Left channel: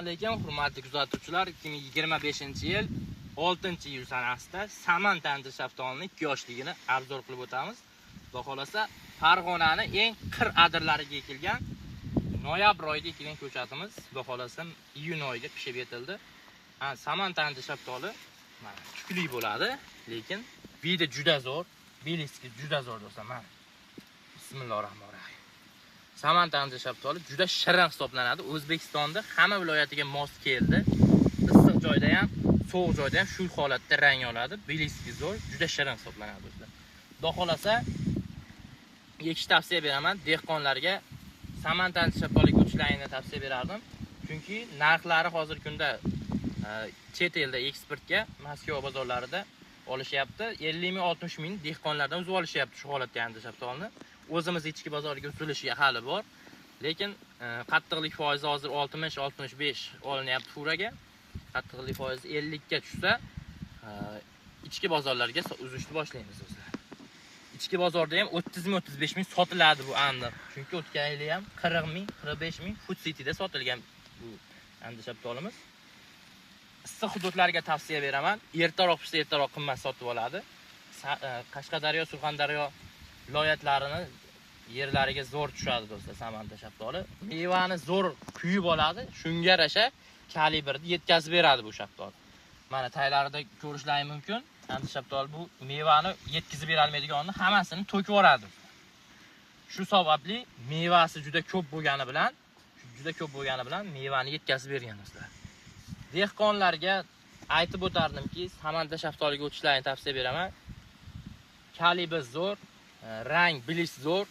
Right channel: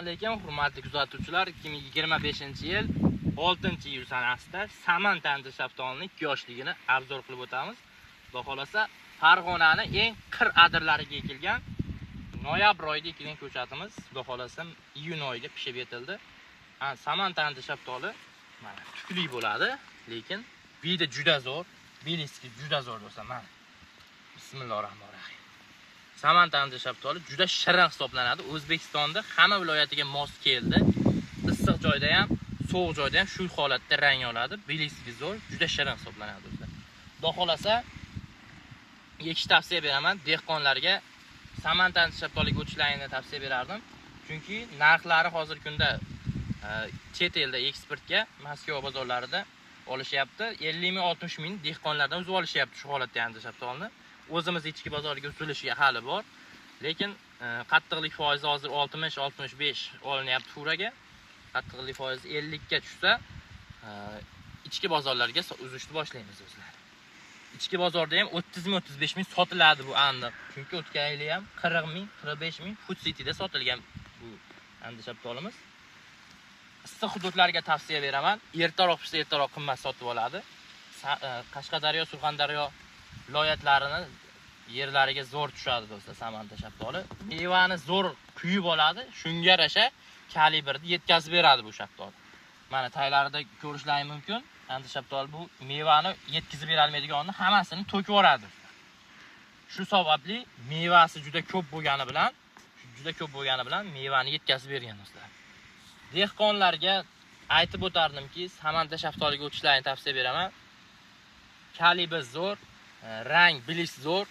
Assalomu alaykum, hurmatli kuzatuvchilar. 2025-yil 6-iyul sanasida Saman tandir shaftolining yoshligini obzor qilib o'tamiz. Xudo xolasa, Farg'onaning eng qir adirlariga ekilgan noyabr oyida ekilgan ko'chatimiz xudo xolasa iyun oyida pishib yetildi. Saman tandir shaftoli mana tukli bo'ladi, lekin vidi juda zo'r, beliski juda zo'r do'stlar. Mana Bismillahirrohmanirrohim. Saman tandir shaftoli juda shirin hisoblanadi. O'zbekistonda hamma viloyatiga mos keldi. Issiq joyda ham, sovuq joyda ham shu holatda rang oladi. Beliski zo'r, juda shirin hisoblanadi do'stlar. Xudo xolasa ekish tavsiya beraman dehqonlarga. Saman tandir shaftoliga o'tishlarini tavsiya berardim. Chunki narxlari hozir kunda chet elda eksportga Moskva bozorlarida olishyapti. 50 ming 60 ming dehqonlardan o'zib olishyapti shu holatda tandir shaftolini. O'zimiz ichki bozorga o'tilishiga hali bor. Lekin qattiqlik foizi hozir 60-65 olinyapti furaga. Qattiqlik foizi 50 ga tushsa, ichki bozorlarga uzishni boshlaymiz do'stlar. Ichki bozorda ham 30 ming 35 ming sotiladi bu aniq. Chunki o'tgan yili ham 40 ming 45 ming Food Cityda sotilgan bu tandir shaftolimiz. Issiq hududlarga tavsiya beraman. Ertaroq pishsa ertaroq qimmat sotib oladi. Qashqadaryo, Surxondaryo viloyatlarini yerlariga zo'r tushadi do'stlar Saman shaftoli. Mevani zo'r kuyib oladi, shunga yarasha kalibrni yetkazib beradi bu shaftoli. Mana taylarida ko'rishlaringiz mumkin. Tandir shaftoli bu mevani yetkazib bera olmaydiganini hammasini to'kib yuboradi. Shu sababli mevasi juda ko'p bo'lgani bilan mevani yetkazib bergan do'stlar. Dehqonlarga aytib o'tardimki, Saman shaftoliga o'tishlarini tavsiya beraman. Kalibr zo'r, rang bilis zo'r,